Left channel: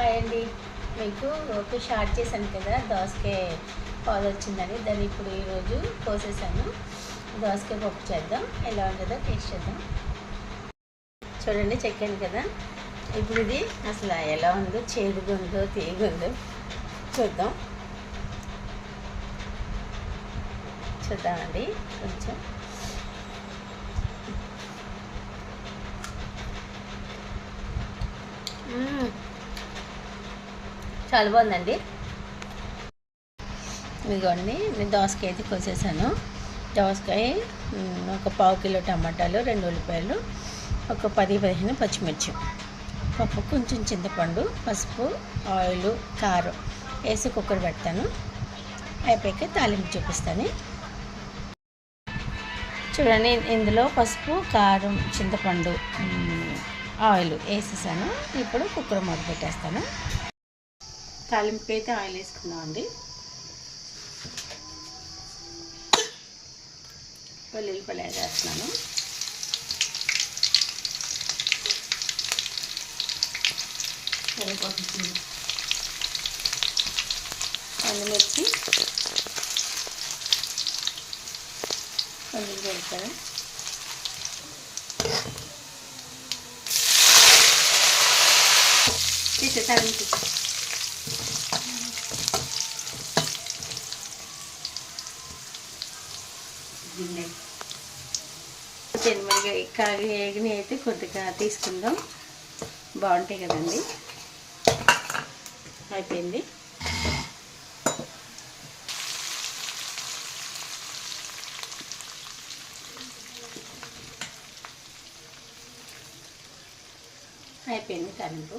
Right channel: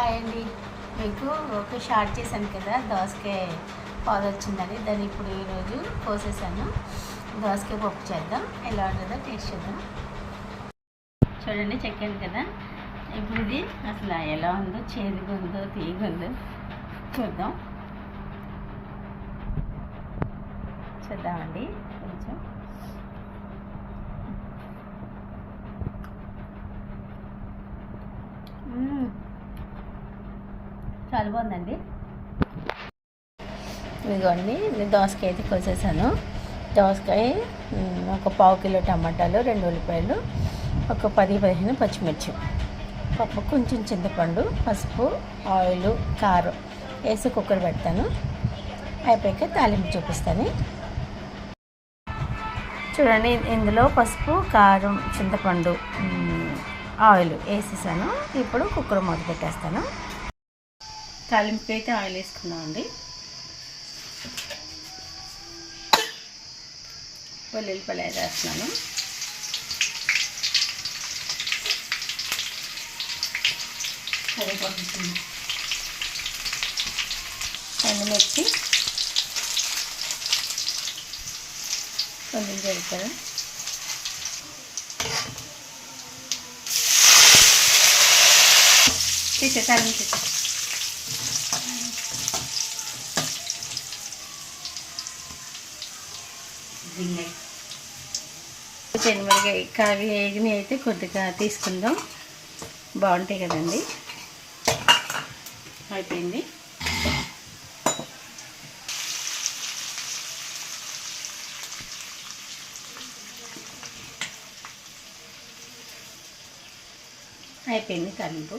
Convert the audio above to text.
Hi అండి. మీకు ఒక షార్ట్ చేశాను కదా, దోసకాయ పాలు వచ్చిందని. దాన్ని ఇప్పుడు ఈరోజు కోసేసాము. దోసకాయ పప్పు చేద్దాం. ఎలా ఉంటుందో టేస్ట్ చేద్దాం. చూడండి, చెక్కాను కదా. ఇప్పుడు ఇది అసలు ఎలా ఉందో, చేదుగా ఉందో తీయగా ఉందో చూద్దామండి. కొంచెం చాలా బాగుందండి. ఇదిగోండి, నేను దోసకాయ అయితే కోసేసాను. దోసకాయ, ఒక పావు కిలో టమాటాలు, 2 ఉల్లిపాయలు, ఒక 10-15 పచ్చిమిర్చి, పప్పు, కొంచెం చింతపండు, పసుపు, ఆయిల్, కారం వేసి కుక్కర్ పెడతాను. అయిపోయాక తాలింపు చూపిస్తాను. చూడండి, ఇందులో పసుపు, కారం, చింతపండు, ఆయిల్ వేసేసాను. ఇప్పుడు కుక్కర్ మూత పెట్టేస్తాను. తాలింపుకి అయితే ఆయిల్ వేసుకున్నామండి. వెల్లుల్లిపాయలు అయితే వేస్తున్నాను. ఎండుమిర్చి, కొంచెం జీలకర్ర, తీసే తాలింపు చెనిమిరకాయ కాగి వేగిని అయితే కొద్దిగా తీసుకుందాం, బాగుంటాయి కదండి. అయిపోయింది. తాలింపు.